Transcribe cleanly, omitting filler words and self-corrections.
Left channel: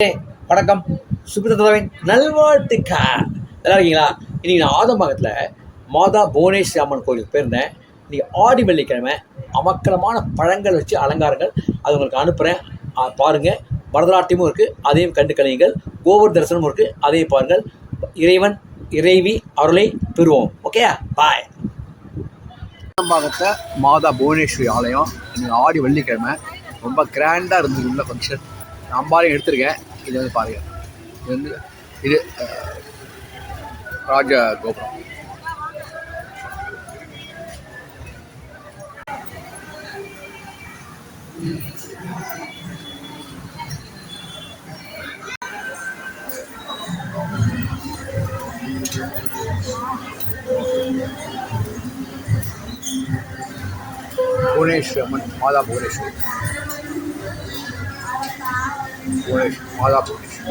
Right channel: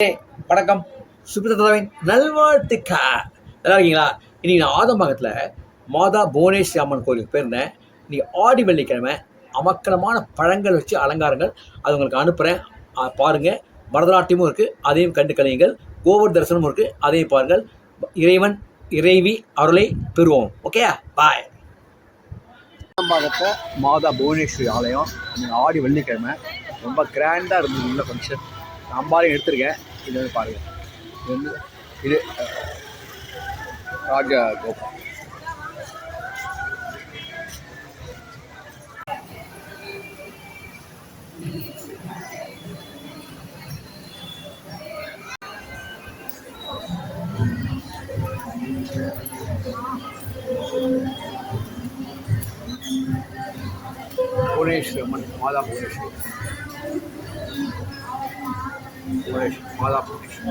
வணக்கம். சுபிரதாவின் நல்வாழ்த்துக்கள். நல்லா இருக்கீங்களா? இன்னைக்கு நான் ஆதம்பாக்கத்தில் மாதா புவனேஸ்வரி அம்மன் கோயிலுக்கு போயிருந்தேன். இன்னைக்கு ஆடி வெள்ளிக்கிழமை அமக்கலமான பழங்கள் வச்சு அலங்காரங்கள் அது உங்களுக்கு அனுப்புகிறேன். பாருங்கள். பரதநாட்டியமும் இருக்குது, அதையும் கண்டு கழியுங்கள். கோவர் தரிசனமும் இருக்குது, அதையும் பாருங்கள். இறைவன் இறைவி அருளை பெறுவோம். ஓகே, பாய். ஆதம்பாக்கத்தில் மாதா புவனேஸ்வரி ஆலயம் இன்னைக்கு ஆடி வெள்ளிக்கிழமை ரொம்ப கிராண்டாக இருந்தது. உள்ள ஃபங்க்ஷன் அம்பாலையும் எடுத்திருக்கேன். இது வந்து பாருங்கள், இது ராஜ கோபுரம். புவனேஸ்வரி அம்மன் மாதா புவனேஸ்வரி மாதா புவனேஸ்வரி.